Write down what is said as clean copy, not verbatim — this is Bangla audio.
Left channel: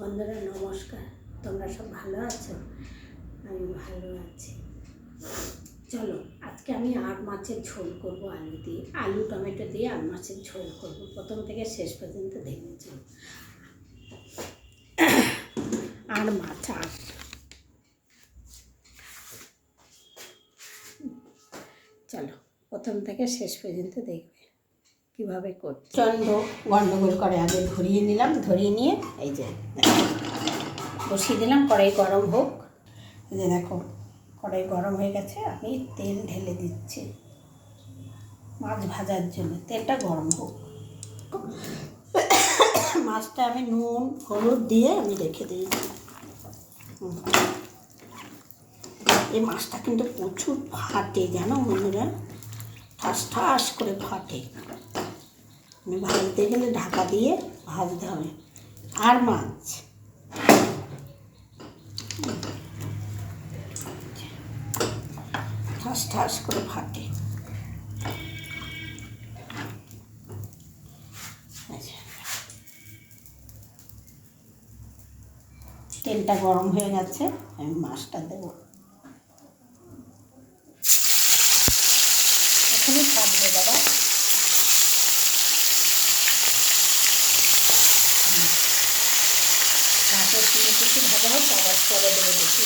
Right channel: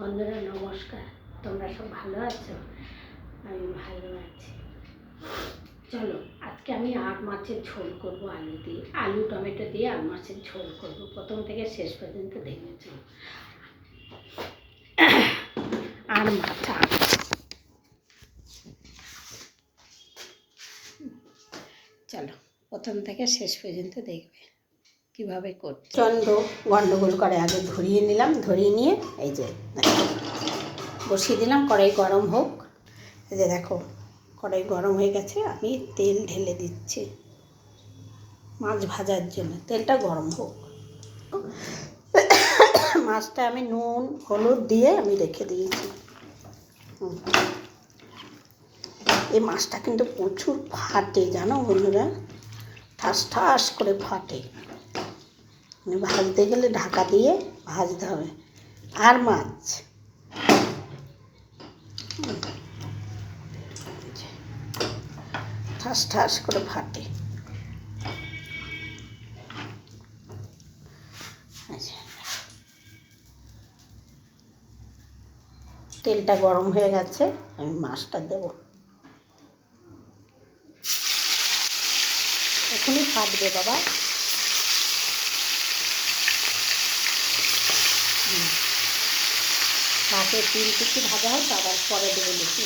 বন্ধুরা নমস্কার, তোমরা সব ভালো আছো? আমি ভালো আছি। চলো আজকে আমি আর মাছের ঝোল করব, আলু দিয়ে, আলু টমেটো দিয়ে আর মাছের ঝোল করব। প্রথম থেকে শেষ পর্যন্ত দেখবে। চলো আর মাছ চলো প্রথম থেকে শেষ পর্যন্ত দেখবে কীভাবে করতে। চন্দ্র গন্ডগোল করে আগে ধরিয়ে নিলাম, ধরিয়ে নিয়ে এই যে বসিয়ে দিলাম, কড়াই গরম হোক। এই যে দেখো কড়াই গরম হয়ে গেছে, আমি তেল ঢেলে দিচ্ছি মাছ ভাজার জন্য। তেলটা গরম হোক। মাছটা আমি নুন হলুদ দিয়ে আমি রেখে দিয়েছি। এই মাছটা কিন্তু প্রচুর ফাটে জানো বন্ধুরা, ঠাস ঠাস করে ফাটে। ভাজতে গেলে ঢাকা দিয়ে ভাজতে হবে। আর মাছ ঠাস ঠাস করে ফাটে। আচ্ছা, তেলটা গরম হয়ে গেছে, আমি মাছটা দেবো। এখনই ফাটবে বাবা। মাছের 3 কিছু ভাজা হয়, তারপর পরে দেবো বেশি।